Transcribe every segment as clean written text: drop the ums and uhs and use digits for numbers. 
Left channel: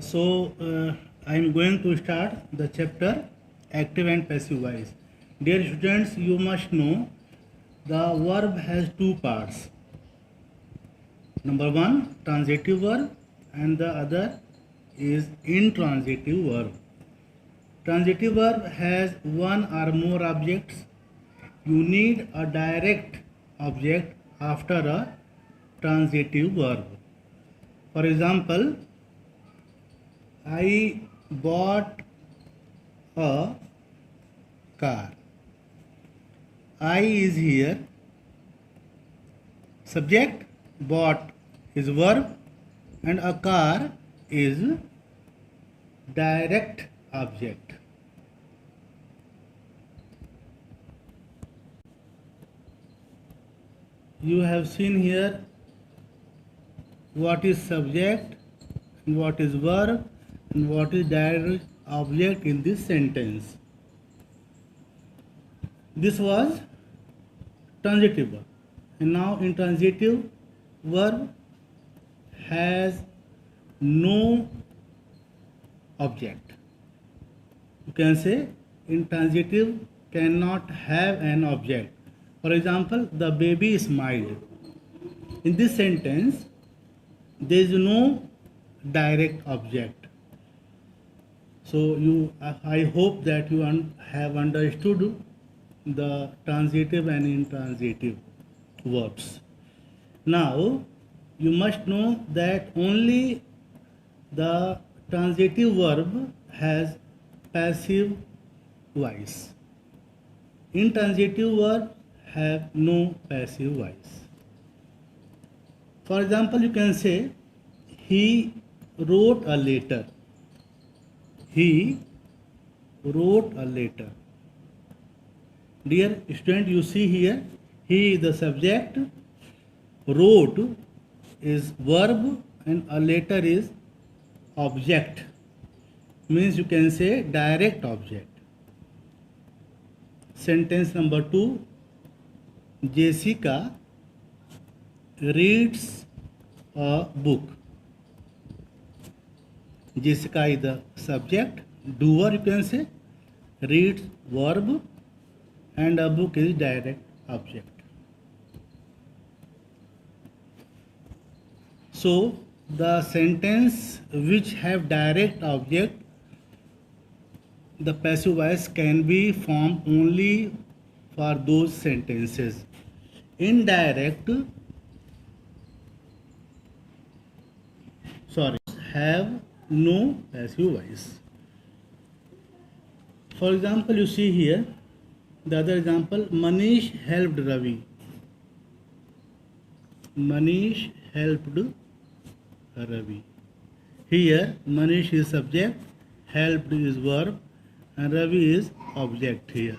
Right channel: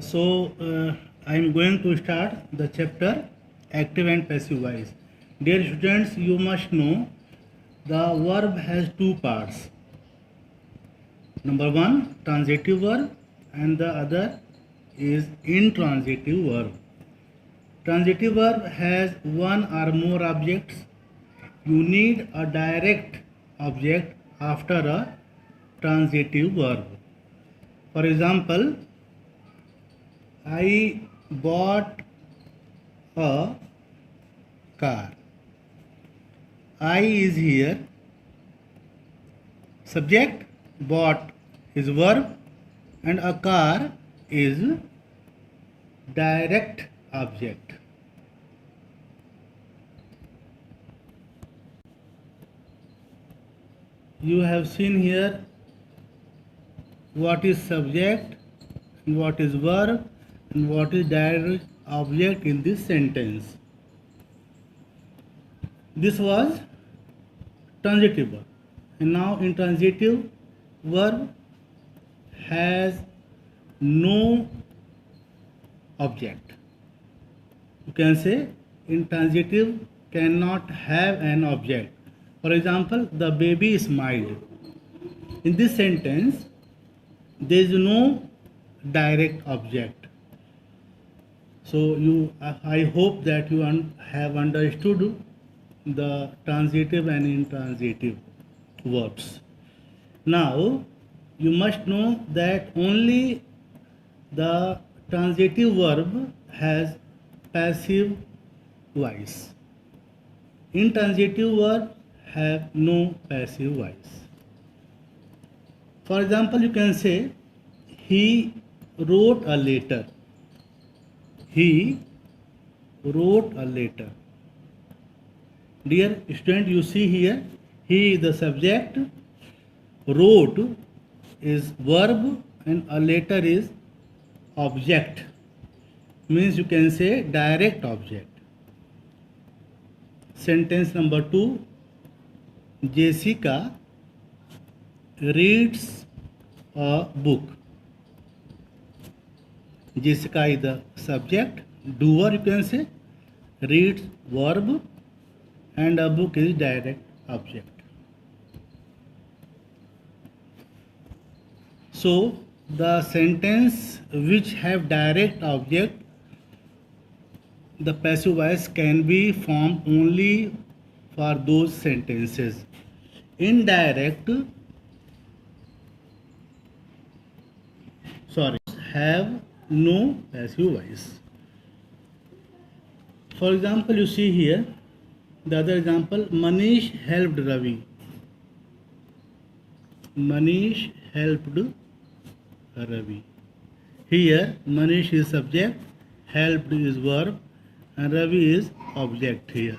I am going to start the chapter active and passive voice. Dear students, you must know the verb has two parts. Number one, transitive verb, and the other is intransitive verb. Transitive verb has one or more objects. You need a direct object after a transitive verb. For example, I bought a car. I is here. Subject, bought is verb, and a car is direct object. You have seen here what is subject, what is verb, and what is direct object in this sentence. This was transitive verb, and now intransitive verb has no object. You can say intransitive cannot have an object. For example, the baby smiled. In this sentence, there is no direct object. So I hope that you have understood the transitive and intransitive verbs. Now, you must know that only the transitive verb has passive voice. Intransitive verbs have no passive voice. For example, you can say, he wrote a letter. He wrote a letter. Dear student, you see here, he is the subject, wrote is verb, and a letter is object. Means you can say direct object. Sentence number 2, Jessica reads a book. Jessica is the subject, doer you can say, reads verb, and a book is direct object. So the sentence which have direct object, the passive voice can be formed only for those sentences. Indirect have no passive voice. For example, you see here the other example, Manish helped Ravi. Manish helped Ravi. Here Manish is subject, helped is verb, and Ravi is object here.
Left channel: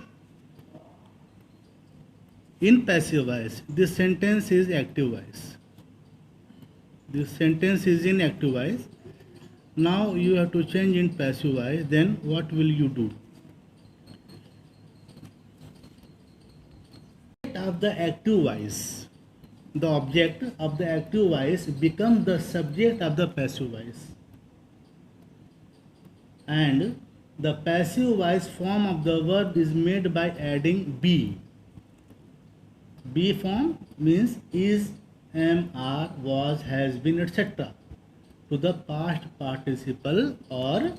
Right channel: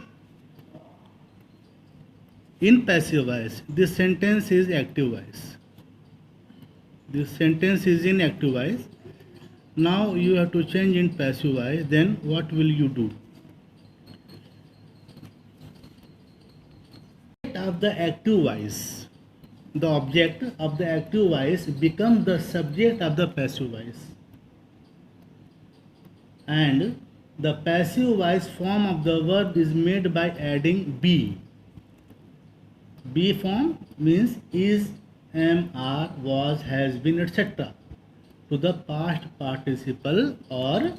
In passive voice, this sentence is active voice. This sentence is in active voice. Now you have to change in passive voice. Then what will you do? Of the active voice, the object of the active voice becomes the subject of the passive voice, and the passive voice form of the verb is made by adding be. Be form means is, am, are, was, has been, etc. to the past participle or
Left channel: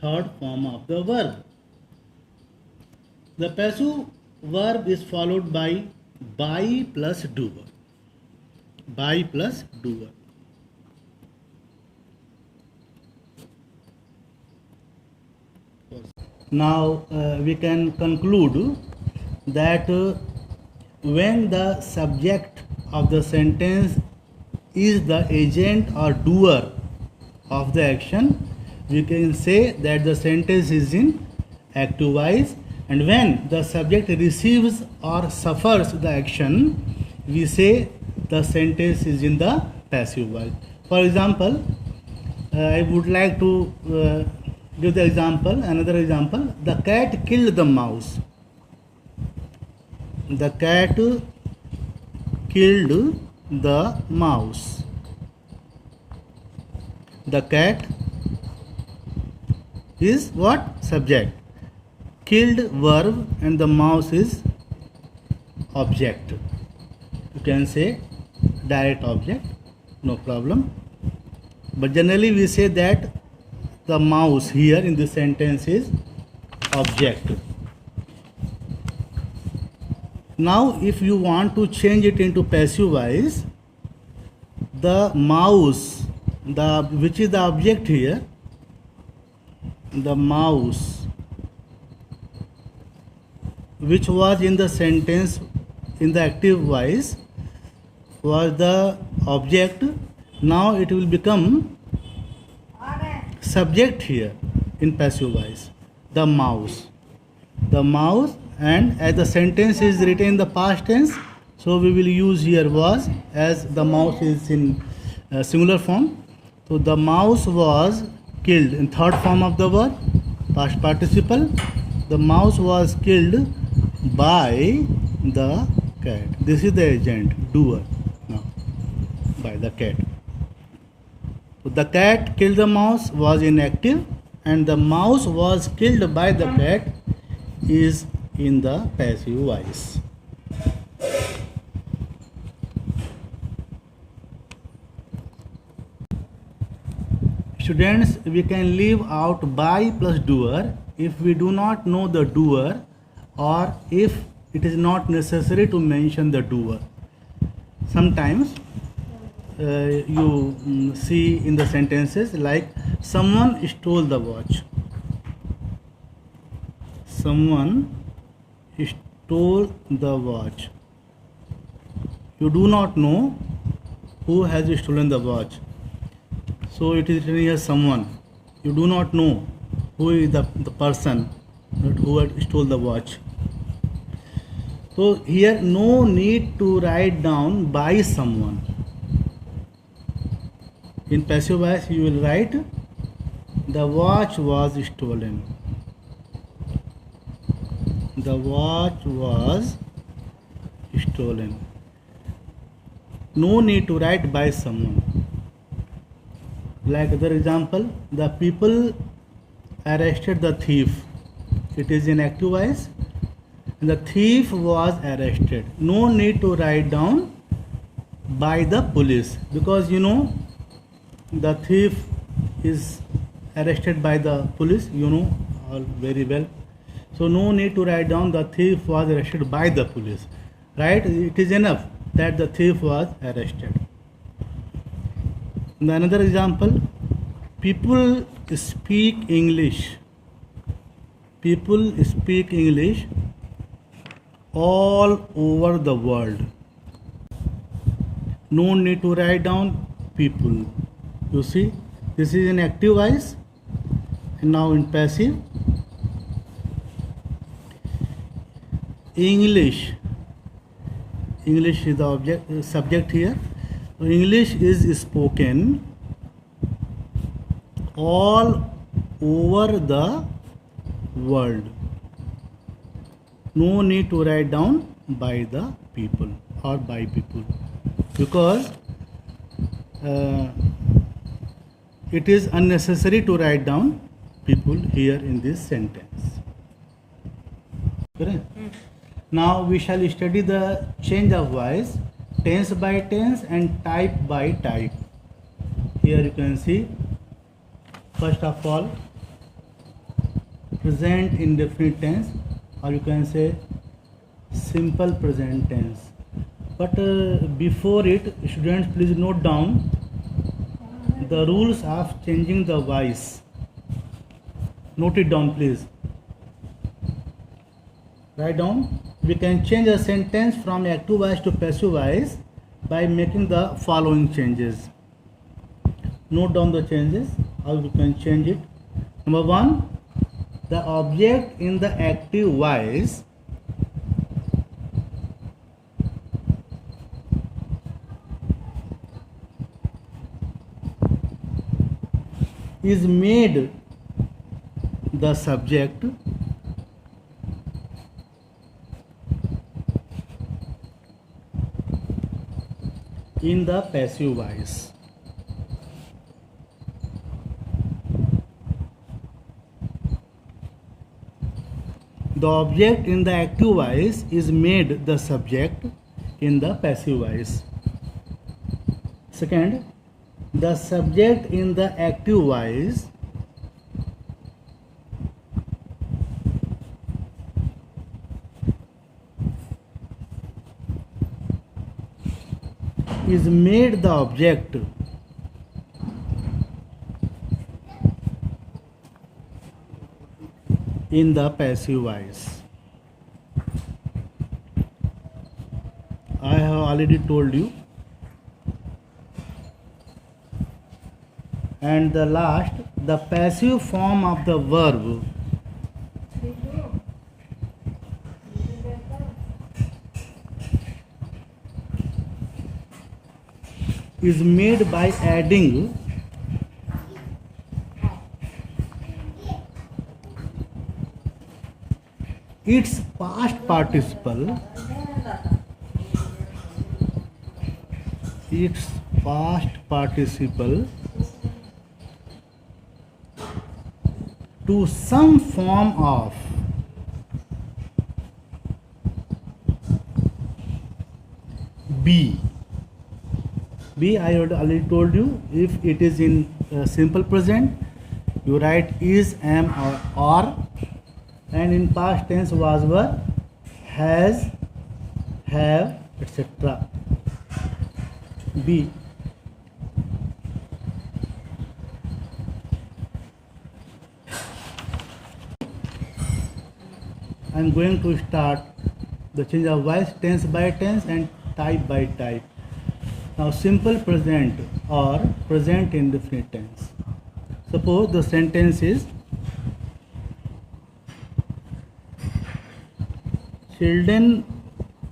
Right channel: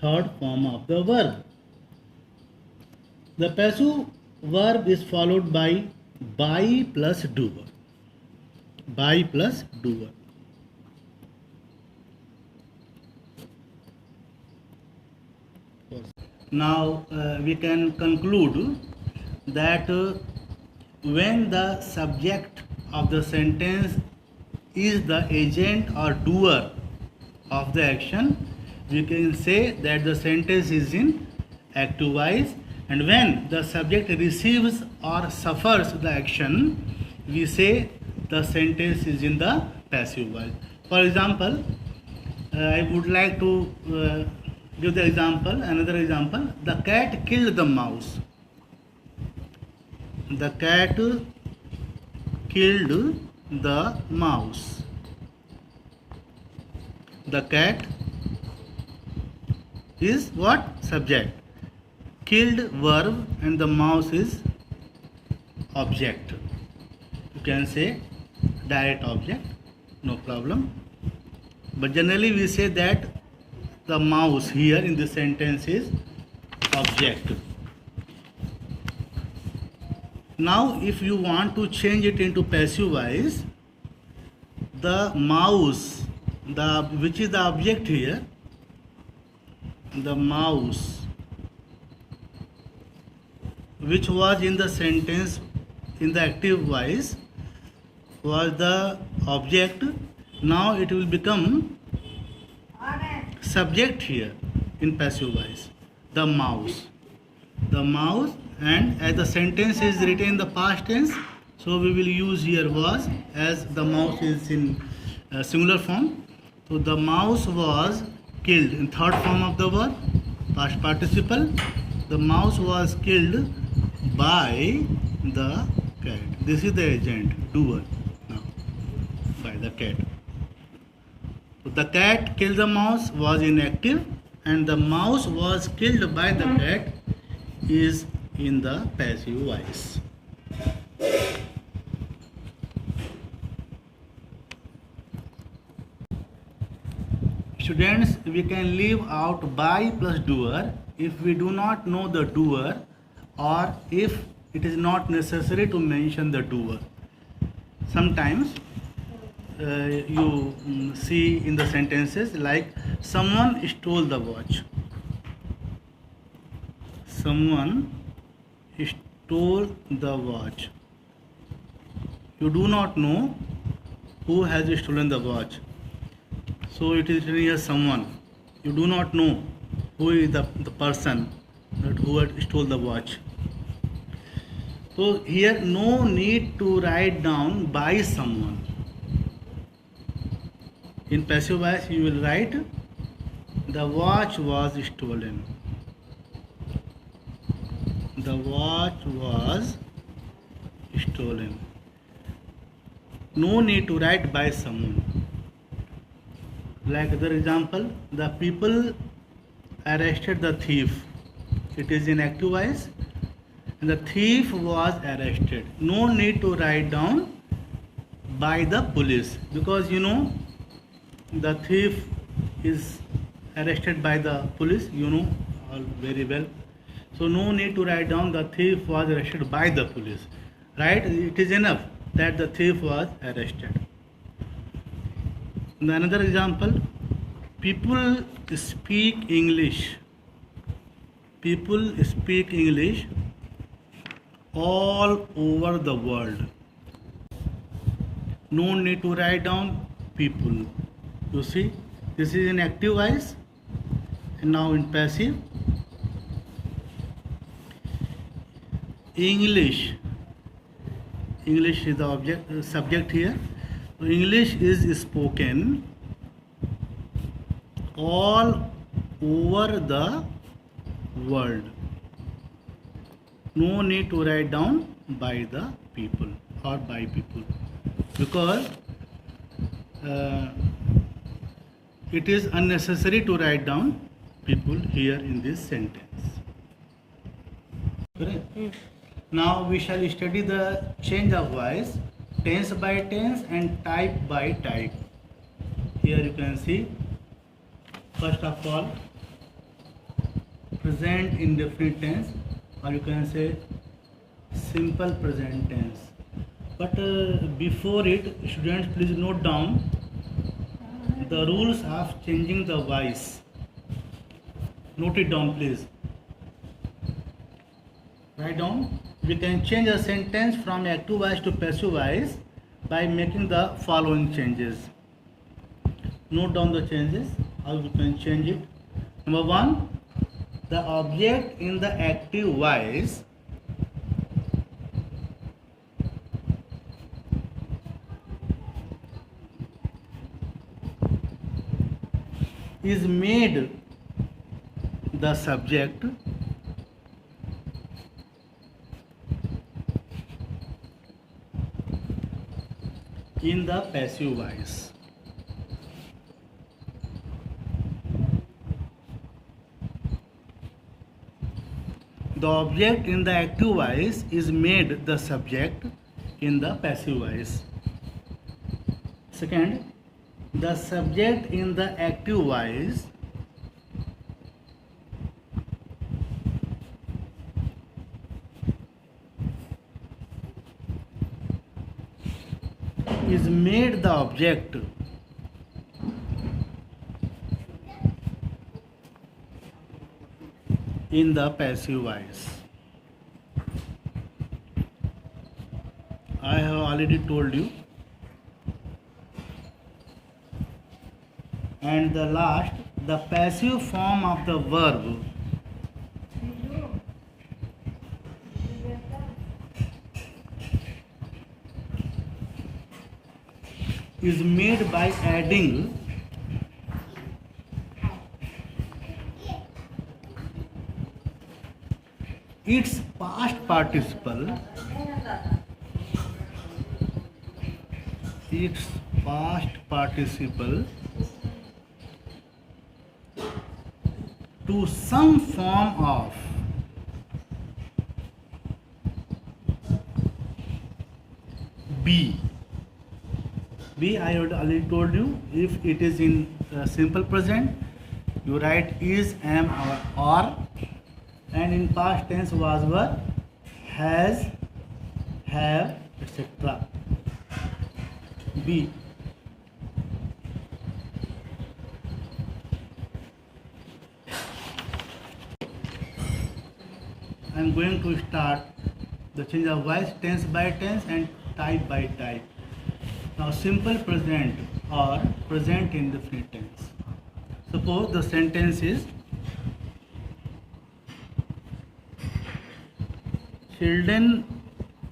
third form of the verb. The passive verb is followed by plus doer. By plus doer. Now we can conclude that when the subject of the sentence is the agent or doer of the action, we can say that the sentence is in active voice. And when the subject receives or suffers the action, we say the sentence is in the passive voice. For example, I would like to give the example, another example. The cat killed the mouse. The cat killed the mouse. The cat is what? Subject. Killed verb and the mouse is object. You can say direct object, no problem. But generally we say that the mouse here in this sentence is object. Now if you want to change it into passive voice, the mouse, which is the object here, the mouse which was in the sentence in the active voice was the object. Now it will become subject here in passive voice, the mouse. The mouse, and as the sentence is written in the past tense, so we will use here was, as the mouse is in singular form. So the mouse was killed in third form of the verb, past participle. The mouse was killed by the cat. This is the agent, doer now, by the cat. So the cat killed the mouse was inactive, and the mouse was killed by the cat is in the passive voice. Students, we can leave out by plus doer if we do not know the doer, or if it is not necessary to mention the doer. Sometimes you see in the sentences like someone stole the watch. Someone stole the watch. You do not know who has stolen the watch. So it is written here someone. You do not know who is the person who had stole the watch. So here no need to write down by someone. In passive voice you will write the watch was stolen. The watch was stolen. No need to write by someone. Like other example, the people arrested the thief. It is in active voice. The thief was arrested. No need to write down by the police, because you know the thief is arrested by the police, you know all very well. So no need to write down the thief was arrested by the police. Right? It is enough that the thief was arrested. Another example, people speak English. People speak English all over the world. No need to write down people. You see, this is in active voice, and now in passive. English. English is the subject here. So English is spoken all over the world. No need to write down by the people or by people, because it is unnecessary to write down people here in this sentence. Correct? Now we shall study the change of voice, tense by tense and type by type. Here you can see, first of all, present indefinite tense, or you can say simple present tense. But before it, students, please note down the rules of changing the voice. Note it down, please. Write down. We can change a sentence from active voice to passive voice by making the following changes. Note down the changes, how we can change it. Number one, the object in the active voice is made the subject in the passive voice. the object in the active voice is made the subject in the passive voice. Second, the subject in the active voice is made the object in the passive voice. I have already told you. And the last, the passive form of the verb is made by adding its past participle to some form of be. I already told you, if it is in simple present, you write is, am, or are, and in past tense was, were, has, have, etc. Be. I am going to start the change of voice tense by tense and type by type. Now, simple present or present indefinite tense. Suppose the sentence is children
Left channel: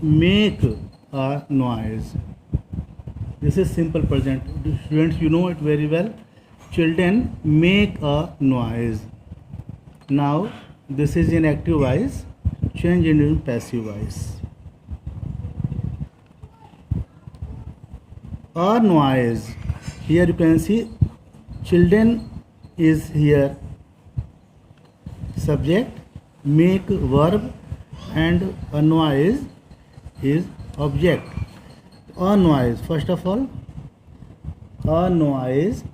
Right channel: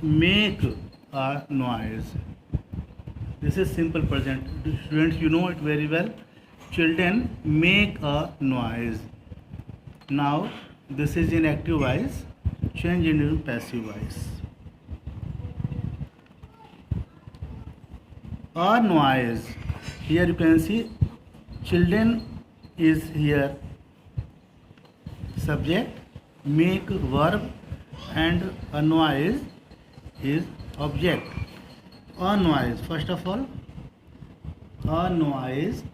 make a noise. This is simple present. Students, you know it very well. Children make a noise. Now, this is in active voice. Change into passive voice. A noise. Here you can see children is here subject, make verb, and a noise is object. A noise, first of all, a noise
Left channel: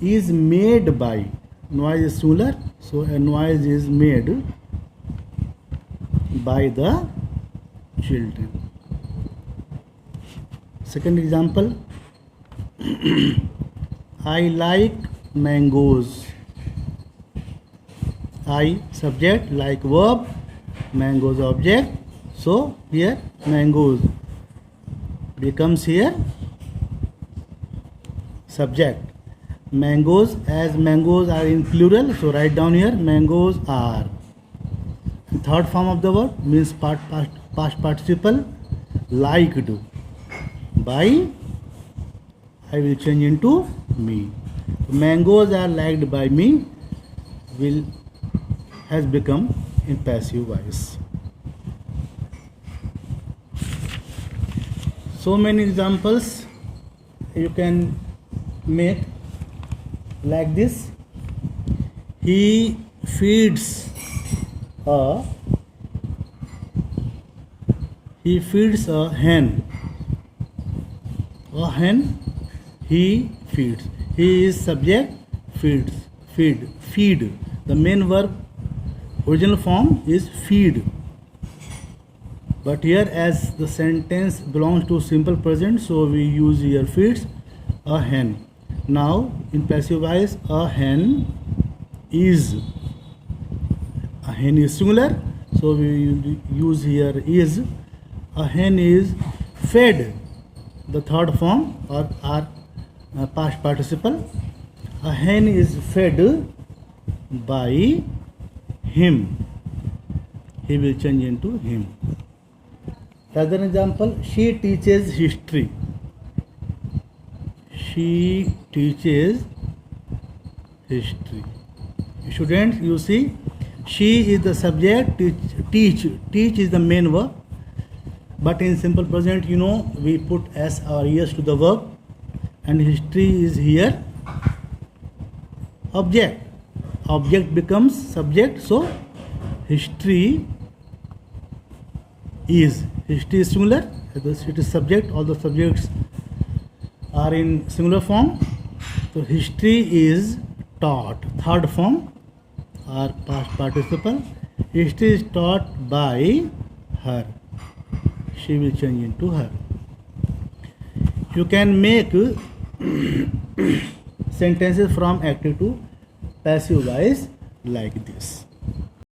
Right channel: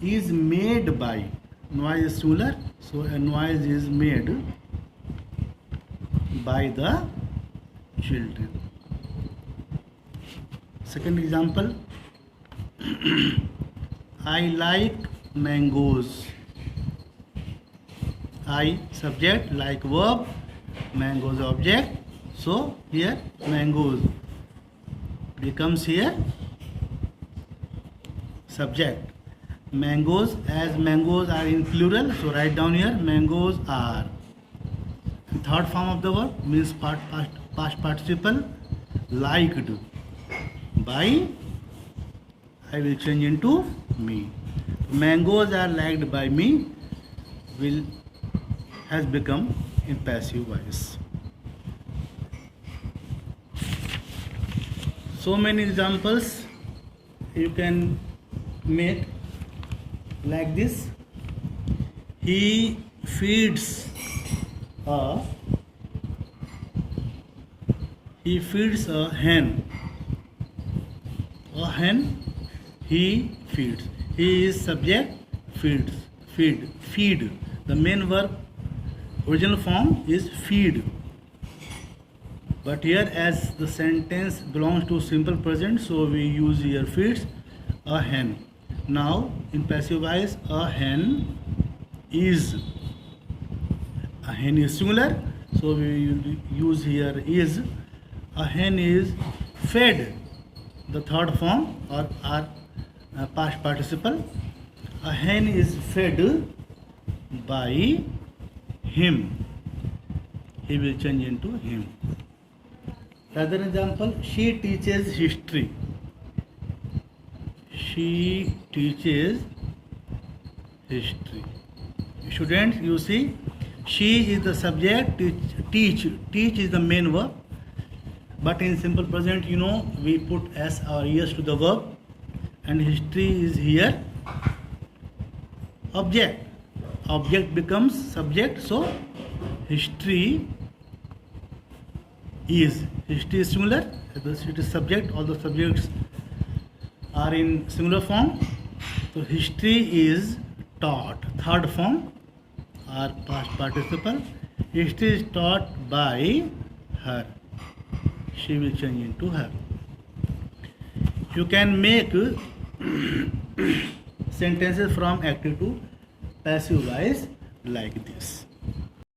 is made by, noise is singular, so a noise is made by the children. Second example, I like mangoes. I subject, like verb, mangoes object. So here mangoes becomes here subject. Mangoes, as mangoes are in plural, so write down here mangoes are. The third form of the verb means past participle, liked by, I will change into me. Mangoes are liked by me has become in passive voice. So many examples you can make like this. He feeds a hen. A hen he feeds. He is subject, feeds, feed. The main verb original form is feed. But here, as the sentence belongs to simple present, so we use here feeds a hen. Now, in passive voice, a hen is singular, so we use here is. A hen is fed, the third form or past participle. A hen is fed by him. He will change into him. Another example, she teaches history. She teaches history. Students, you see, she is the subject, teach is the main verb. But in simple present, you know, we put s or es to the verb, and history is here object. object becomes subject, so history is singular, it is subject, all the subjects are in singular form, so history is taught. Third form or past participle, history is taught by her, she will change into her. You can make sentences from active to passive voice like this.